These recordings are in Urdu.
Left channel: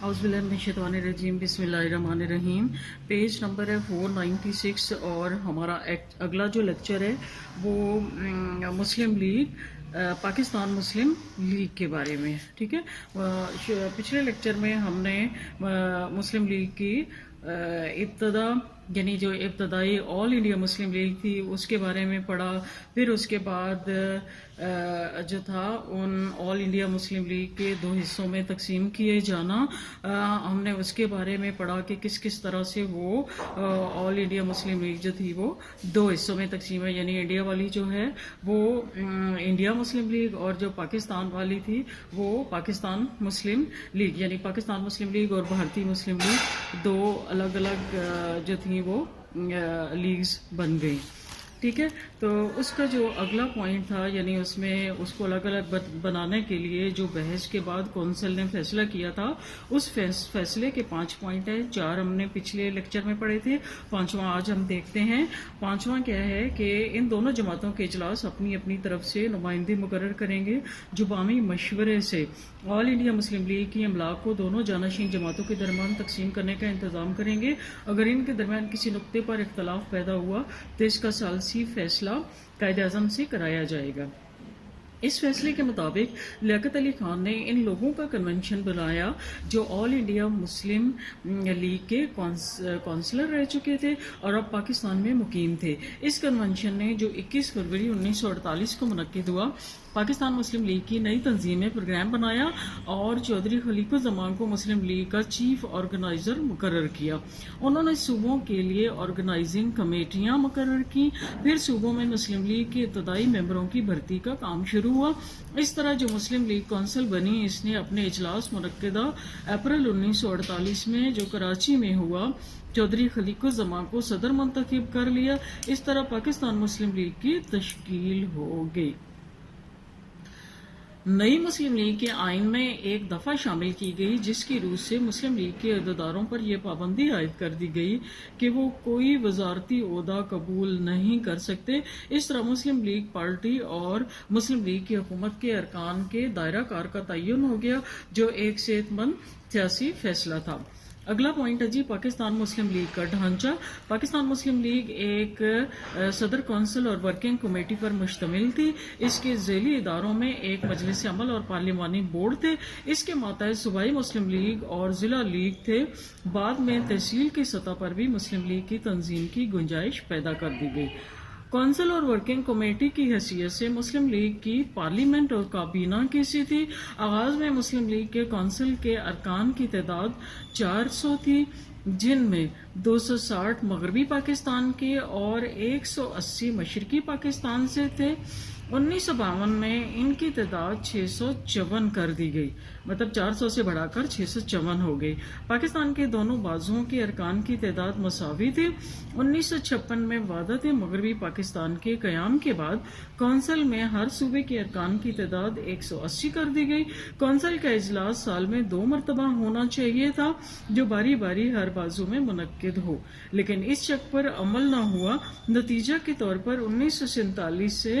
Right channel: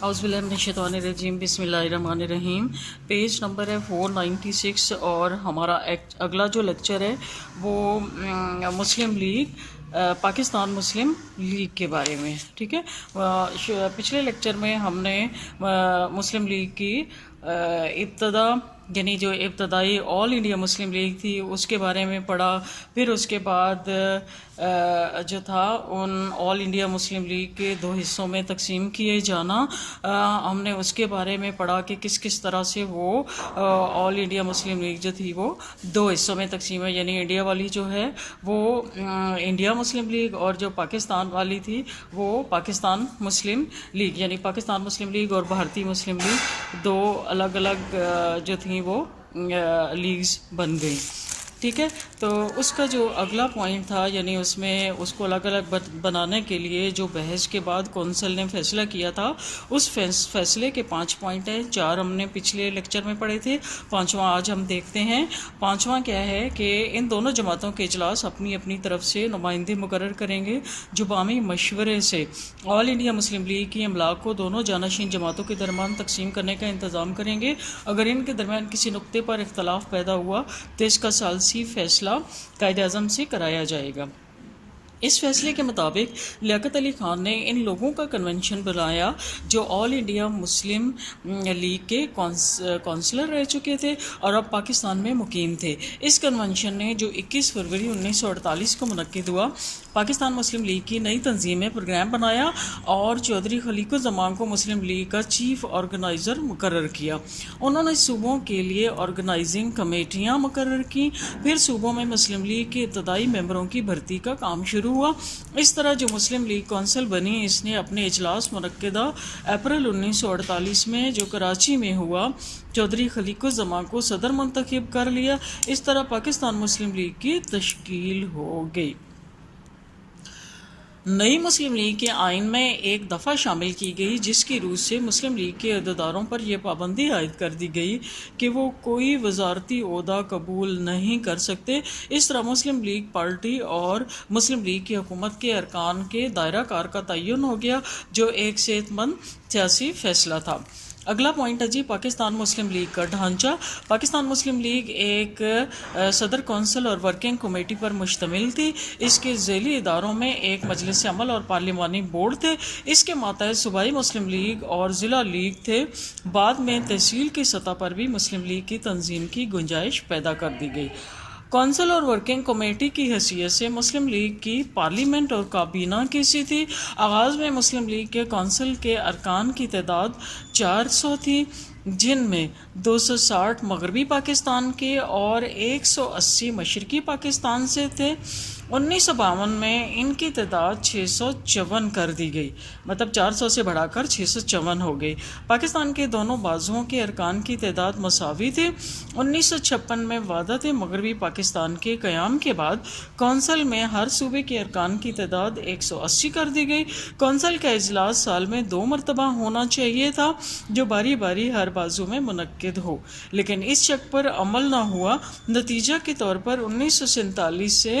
اعوذ باللہ من الشیطان الرجیم، بسم اللہ الرحمن الرحیم۔ پیج نمبر ہے 496 اور ہمارا اگلا جو لیکچر ہے وہ مسلم لیگ، پاکستان مسلم لیگ کے بارے میں، ٹھیک ہے۔ پچھلے لیکچر میں ہم نے مسلم لیگ کی ابتدا، یعنی جو ابتدائی آل انڈیا مسلم لیگ تھی اس کے بارے میں پڑھا، پھر اس کے بعد جو تھا ان آل انڈیا مسلم لیگ کے دو حصوں میں تقسیم کیے جانا، ہم نے اس کے بارے میں پڑھا کہ کس کس طرح سے وہ آل انڈیا مسلم لیگ جو تھی وہ دو حصوں میں تقسیم ہے، یعنی انڈیا والی جو ہے وہ انڈیا مسلم لیگ، اور جو پاکستان والی تھی وہ پاکستان مسلم لیگ، یعنی پاکستان مسلم لیگ اور بھارتی مسلم لیگ دو الگ الگ جو تھیں وہ لیگز بن گئی، ٹھیک ہے۔ تو اس کا جو اگلا پوائنٹ تھا، یعنی اس میں اس کو الگ الگ بنانے کے لیے جو بحث کے بعد کونسل نے فیصلہ کیا تھا، اس فیصلے کے 5 پوائنٹ ہیں، 4 ہم نے پچھلے لیکچر میں پڑھے تھے، 5واں آج ہم دیکھتے ہیں۔ 5واں کیا ہے کہ ان دونوں جماعتوں کے اجلاس اپنی اپنی طرف سے نمائندے مقرر کریں گے جو باہمی مشورے سے آل انڈیا مسلم لیگ کی املاک کو دونوں جانشین جماعتوں کے درمیان تقسیم کرنے کا انتظام کریں گے۔ اگر ان کے درمیان کسی نقطے پر اختلاف پیدا ہوا تو اس کا ثالثی فیصلہ قائد اعظم سے کرایا جائے گا۔ اس فیصلے کے مطابق لیاقت علی خان نے ان لوگوں کا کنونشن بلایا جو آل انڈیا مسلم لیگ کے کونسلر رہ چکے تھے اور اب پاکستان میں مقیم تھے۔ اس کنونشن نے جو 21 فروری 1948 کو منعقد ہوا، پاکستان مسلم لیگ کی نئی تنظیم میں پروگرام بنایا اور چودھری خلیق الزمان کو مسلم لیگ کا چیف آرگنائزر مقرر کیا۔ انہوں نے صوبوں کے لیے آرگنائزنگ کمیٹیاں مقرر کیں، پھر صوبوں میں مسلم لیگ کے ابتدائی ممبروں کی بھرتی کا کام شروع ہوا۔ اس طرح جو مسلم لیگ کونسل بنی، اس نے اپنے اجلاس منعقدہ اپریل 1948 میں جو کراچی میں ہوا، چودھری خلیق الزمان کو صدر منتخب کر لیا۔ اس طرح پاکستان مسلم لیگ کی تشکیل ہو گئی۔ نئی مسلم لیگ کے آئین میں ایک دفعہ شامل کی گئی جس کی روح سے مسلم لیگ کے عہدیداروں پر یہ پابندی عائد کر دی گئی کہ وہ کوئی وزارتی عہدہ قبول نہیں کر سکتے۔ اس طرح مسلم لیگ پارٹی اور مسلم لیگ کی حکومت کے ارکان کے دائرہ کار کا تعین ہو گیا، جو ایک صحت مند سیاسی فیصلہ تھا۔ اگلا پوائنٹ ہے جی پاکستان مسلم لیگ کا ڈھانچہ۔ پاکستان مسلم لیگ ایک صدر کونسل اور ورکنگ کمیٹی پر مشتمل تھی۔ اس کے ذیلی اداروں میں ایک مجلس عمل اور پارلیمانی بورڈ تھے۔ اس کے ماتحت صوبائی مسلم لیگ اور ضلع لیگ تھے۔ بعد میں تحصیل کی سطح پر بھی مسلم لیگ کی تنظیم کی گنجائش پیدا کر دی گئی۔ کونسل اور ورکنگ کمیٹی کی حیثیت سے مسلم لیگ کی پارلیمنٹ اور کابینہ کیسی تھی؟ آغاز میں مسلم لیگ کے کونسل کے ارکان کی تعداد 400 تھی، جن میں 260 مغربی پاکستان کے اور 180 مشرقی پاکستان سے تھے۔ 1952 میں ان کی تعداد 654 کر دی گئی، مطلب 400 سے بڑھا کر 654 ہو گئی۔ پاکستان کے دونوں بازوؤں کے ارکان کی تعداد مساوی تھی۔ 1956 میں وحدت مغربی پاکستان کے قیام کے بعد کونسل میں ہر صوبے کے ارکان کی تعداد 180 کر دی گئی۔ کونسل کا اجلاس سال میں 2 مرتبہ ہونا چاہیے تھا جو باری باری ہر بازو میں منعقد ہو، لیکن اس شک پر عمل نہ ہوا۔ نتیجہ کے طور پر 1947 سے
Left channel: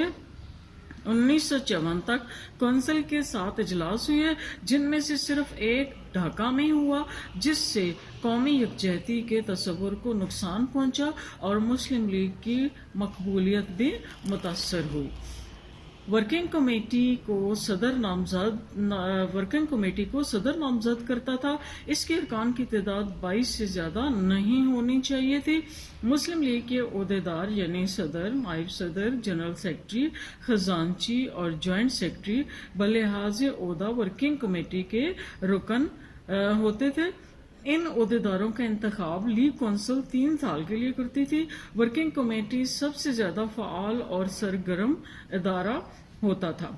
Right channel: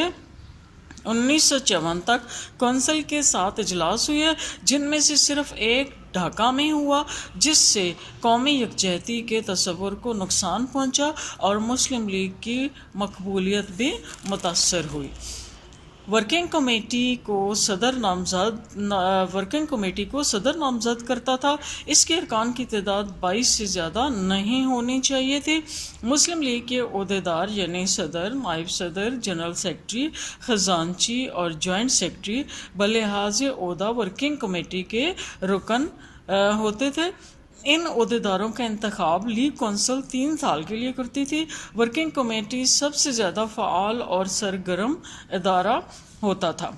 1954 تک کونسل کے 7 اجلاس ہوئے، جن میں سے صرف ایک ڈھاکہ میں ہوا، جس سے قومی یکجہتی کے تصور کو نقصان پہنچا اور مسلم لیگ کی مقبولیت بھی متاثر ہوئی۔ ورکنگ کمیٹی کو صدر نامزد کرتا تھا۔ اس کے ارکان کی تعداد 22 سے زیادہ نہیں ہونی چاہیے تھی۔ مسلم لیگ کے عہدیدار یعنی صدر، نائب صدر، جنرل سیکرٹری، خزانچی اور جوائنٹ سیکرٹری بلحاظ عہدہ ورکنگ کمیٹی کے رکن ہوتے تھے۔ ان عہدیداروں کا انتخاب لیگ کونسل 3 سال کے لیے کرتی تھی۔ ورکنگ کمیٹی سب سے زیادہ فعال اور سرگرم ادارہ ہوتا تھا۔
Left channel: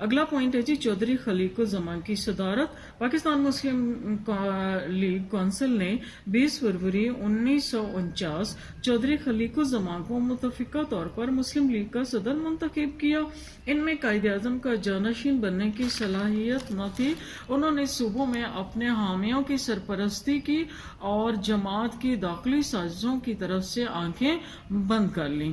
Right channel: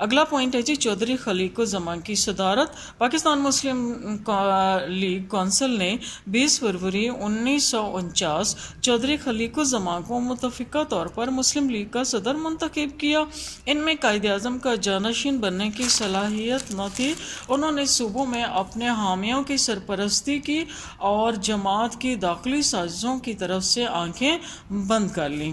اگلا پوائنٹ ہے جی چودھری خلیق الزمان کی صدارت۔ پاکستان مسلم لیگ کونسل نے 20 فروری 1949 چودھری خلیق الزمان کو متفقہ طور پر مسلم لیگ کا صدر منتخب کیا۔ ان میں قائد اعظم کا جانشین بننے کی صلاحیت نہ تھی۔ انہوں نے صوبوں میں اپنے حامیوں کی سرپرستی کی اور جماعت کی داخلی سازشوں کی طرف سے آنکھیں بند کر لیں۔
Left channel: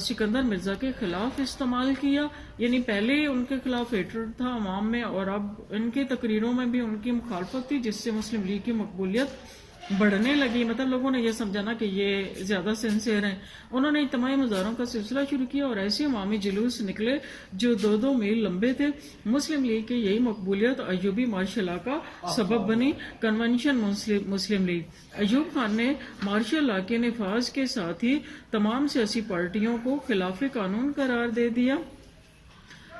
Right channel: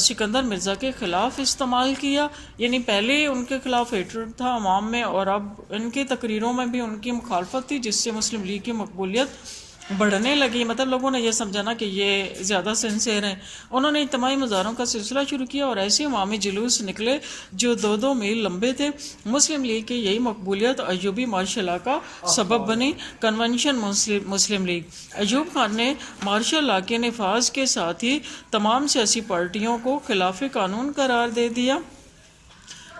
سکندر مرزا کے خلاف استعمال کیا، یعنی پہلے ان کے خلاف ہیٹرڈ تھا عوام میں، اور اب ان کی تقریروں میں بھی ان کی مخالفت تھی، جس سے مسلم لیگ کی مقبولیت بڑھنے لگی۔ مطلب لوگوں نے یہ سمجھانا کہ یہ زیادہ سنسیئر ہیں۔ انہوں نے اجتماعی مظاہروں کا سلسلہ شروع کیا اور ایسے عوامی جلوس نکلے جو 2-2 میل لمبے تھے۔ مسلم لیگ کی یہی مقبولیت ایوبی مارشل لا کا سبب بنی۔ کنونشن مسلم لیگ ایوب خان نے مارشل لا کے نفاذ کے ساتھ ہی تمام سیاسی پارٹیوں کو خلاف قانون قرار دے دیا۔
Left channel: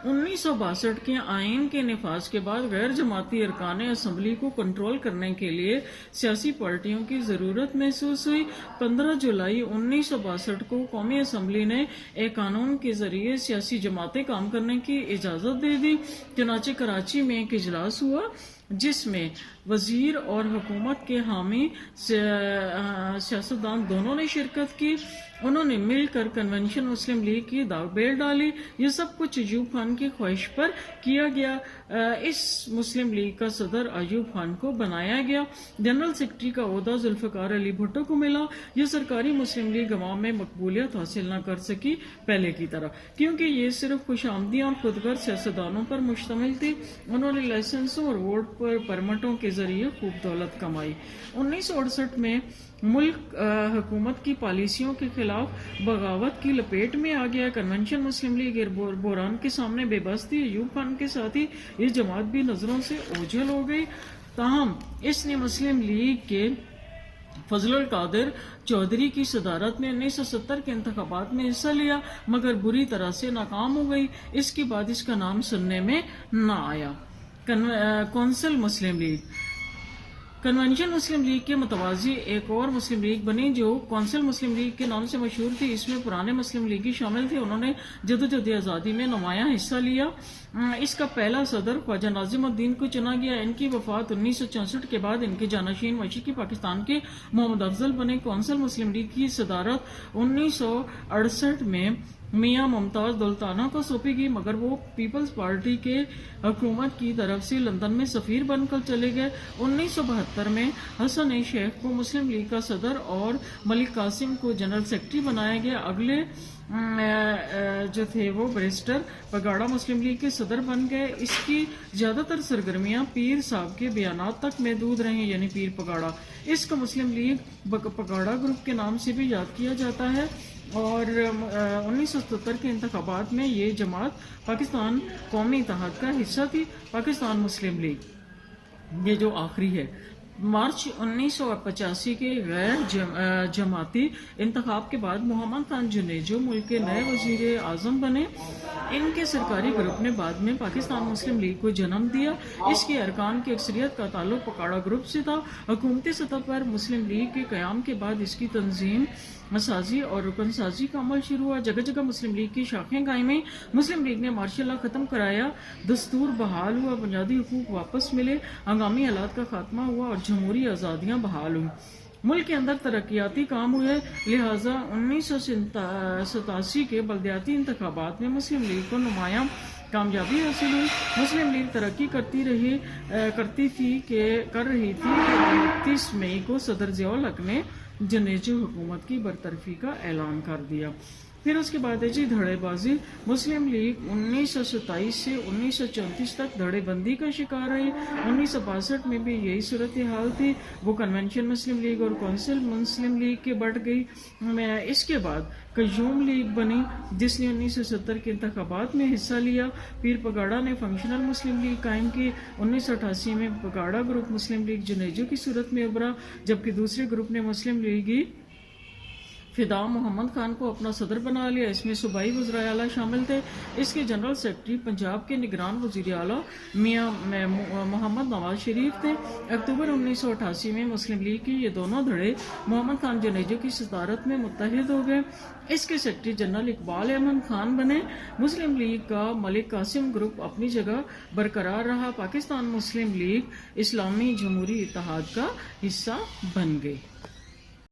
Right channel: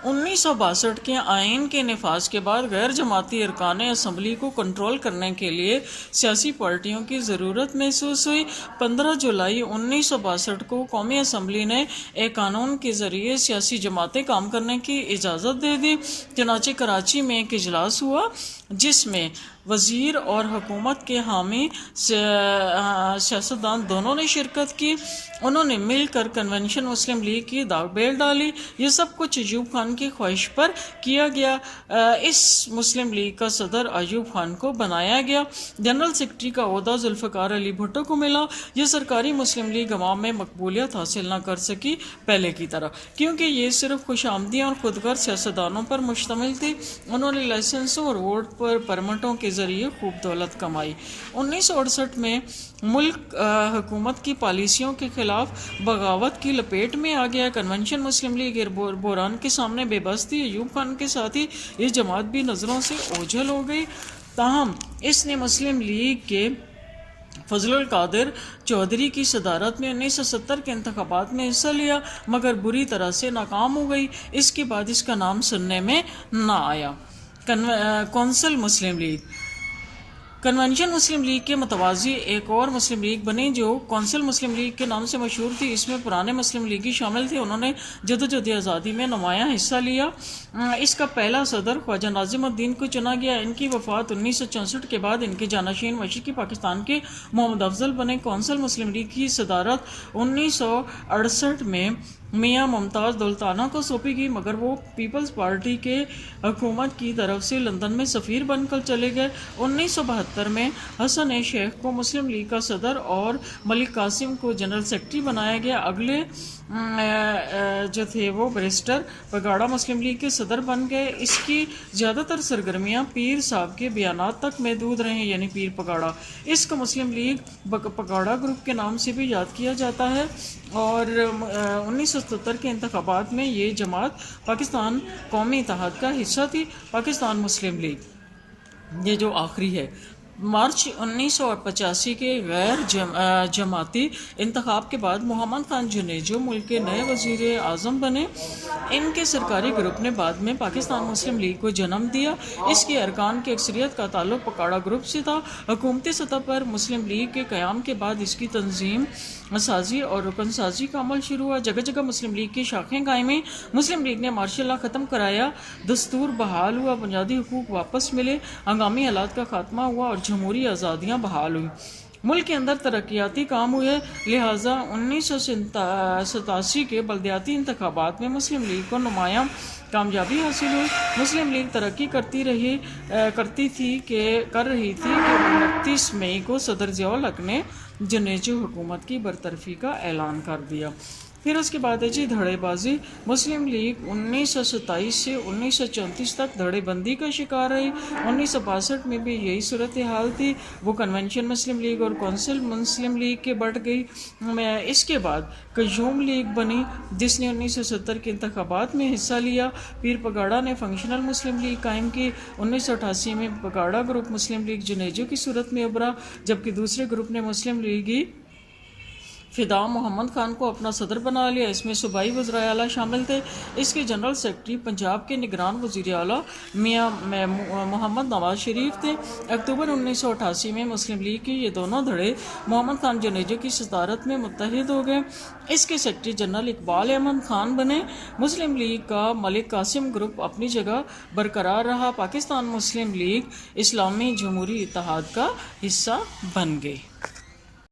1962 کے آئین کے نفاذ کے بعد غیر جماعتی ارکان اسمبلی کو کنٹرول کرنے کے لیے سیاسی پارٹیوں کی ضرورت محسوس ہوئی۔ 15 جولائی 1962 کو قومی اسمبلی نے ایک قانون کے ذریعے سیاسی جماعتیں کام کرنے کی اجازت دے دی۔ چنانچہ کراچی میں ایک اجلاس ہوا جس میں وزیر اور حکومت کے حامی سیاستدان دونوں نے شرکت کی۔ انہوں نے مل کر کنونشن مسلم لیگ کی بیل ڈالی۔ یہ سب کچھ ایوب خان کی خواہش پر کیا گیا۔ اس مسلم لیگ کا صدر ایوب خان کو بنایا گیا۔ جنرل سیکرٹری کا عہدہ ذوالفقار علی بھٹو کو ملا۔ یہ سرکاری مسلم لیگ عوام میں مقبولیت حاصل نہ کر سکی پہلے کی طرح، کیونکہ یہ صرف خوش آمدیاں اور خودغرض سیاستدانوں پر مشتمل تھی۔ انہوں نے لائسنسوں اور ووٹ پر پرمٹوں کے ذریعے خوب دولت کمائی۔ 1968 میں ملک حکومت کی پالیسیوں کے خلاف بغاوت کی لپیٹ میں آ گیا۔ کنونشن مسلم لیگ بحران کے سامنے بے بس تھی۔ ایوب خان کے ساتھ ہی یہ جماعت بھی نظروں سے اوجھل ہو گئی۔ تاہم اس نے مسلم لیگ کے فضل القادر چودھری کی صدارت میں 1970 کے انتخابات میں حصہ لیا، مگر بری طرح سے ناکام ہو گئی۔ اس کے بعد اس کا نام سننے میں نہ آیا۔ کونسل مسلم لیگ کنونشن مسلم لیگ کے متوازی ایک اور مسلم لیگ بنی جو کونسل مسلم لیگ کے نام سے مشہور تھی۔ اس میں پرانے مسلم لیگی شامل تھے۔ انہوں نے جدوجہد آزادی میں نمایاں حصہ لیا۔ اس کا پہلا صدر خواجہ ناظم الدین کو چنا گیا۔ ان کی وفات 1964 کے بعد ان کے جانشین مشرقی پاکستان کے محمد افضل بنے۔ کونسل مسلم لیگ کی صدارت 1968 میں میاں ممتاز دولتانہ کو سونپی گئی، مگر وہ پیپلز پارٹی کے حکومت کی طرف سے لندن میں سفیر بن کر چلے گئے۔ 1972 میں حسن شیخ کو مسلم لیگ کا صدر اور ملک قاسم کو جنرل سیکرٹری بنایا گیا۔ اگلے جو تھے وہ بیرسٹر پگاڑا مسلم لیگ کے صدر بن گئے۔ اس کی زیادہ تر سرگرمیاں پیر صاحب کے بیانات تک محدود رہیں، یعنی پیر پگاڑا۔ اس کو مسلم لیگ پگاڑا گروپ کے نام سے بھی یاد کیا جاتا ہے، اور 1970 کے انتخابات میں یہ جماعت پاکستان قومی اتحاد کا حصہ تھی۔ پاکستان مسلم لیگ یہ جو آخری ہے، مارچ 1985 کے غیر جماعتی انتخاب کے بعد محمد خان جنیجو ملک کے نئے وزیر اعظم بنے۔ ان کے سرکاری گروپ نے بعد میں پاکستان مسلم لیگ کو جنم دیا۔ اس کے ارکان کی اکثریت کا تعلق پگاڑا گروپ سے تھا۔ حکومتی سطح پر مسلم لیگ کے قیام کے بعد اس کی تنظیم سازی اور رکن سازی کا عمل شروع ہوا۔ جگہ جگہ مسلم لیگ کی شاخیں قائم ہوئیں۔ مسلم لیگ نے مارشل لا ختم کرایا، دستور بحال ہوا، بنیادی حقوق واپس ملے، ہنگامی حالات کا خاتمہ ہوا اور جمہوری آزادیاں بحال ہوئیں۔ ملک کے اندر ترقیاتی کام ہوئے، لہٰذا 1987 کے بلدیاتی انتخابات میں مسلم لیگ کو نمایاں کامیابی حاصل ہوئی۔ مسلم لیگ ترقی کر رہی تھی کہ 29 مئی کو صدر ضیاء الحق نے جنیجو حکومت کی برطرفی کا اعلان کر دیا۔ پھر اس کے بعد ہے جی دھڑے بازی۔ مسلم لیگ 1927 سے 1934 تک دھڑے بندی کا شکار رہی۔ 1962 میں بھی یہی صورتحال تھی، وہ کنونشن مسلم لیگ اور کونسل مسلم لیگ کے بٹ گئی۔ اس کے بعد قیوم لیگ بنی جس نے 1970 کے انتخابات میں حصہ لیا۔ پیر پگاڑا نے فنکشنل مسلم لیگ قائم کی۔ 1988 میں پگاڑا گروپ مسلم لیگ جنیجو کی صورت میں ابھرا، جبکہ دوسرے گروپ نے مسلم لیگی فدا محمد خان کو اپنا صدر بنا لیا۔ اس میں صوبائی وزرائے اعلیٰ شامل تھے۔ اس کے جنرل سیکرٹری پنجاب کے نگران وزیر اعلیٰ میاں محمد نواز شریف تھے۔ اکتوبر 1988 میں مسلم لیگ کے یہ دونوں دھڑے محمد خان جنیجو کی صدارت میں متحد ہو گئے۔ اس کے سیکرٹری جنرل اقبال احمد خان بنے۔ مسلم لیگ کا ملک قاسم گروپ اپنی جگہ برقرار رہا۔ پاکستان مسلم لیگ اسلامی جمہوری اتحاد کا حصہ بن گئی۔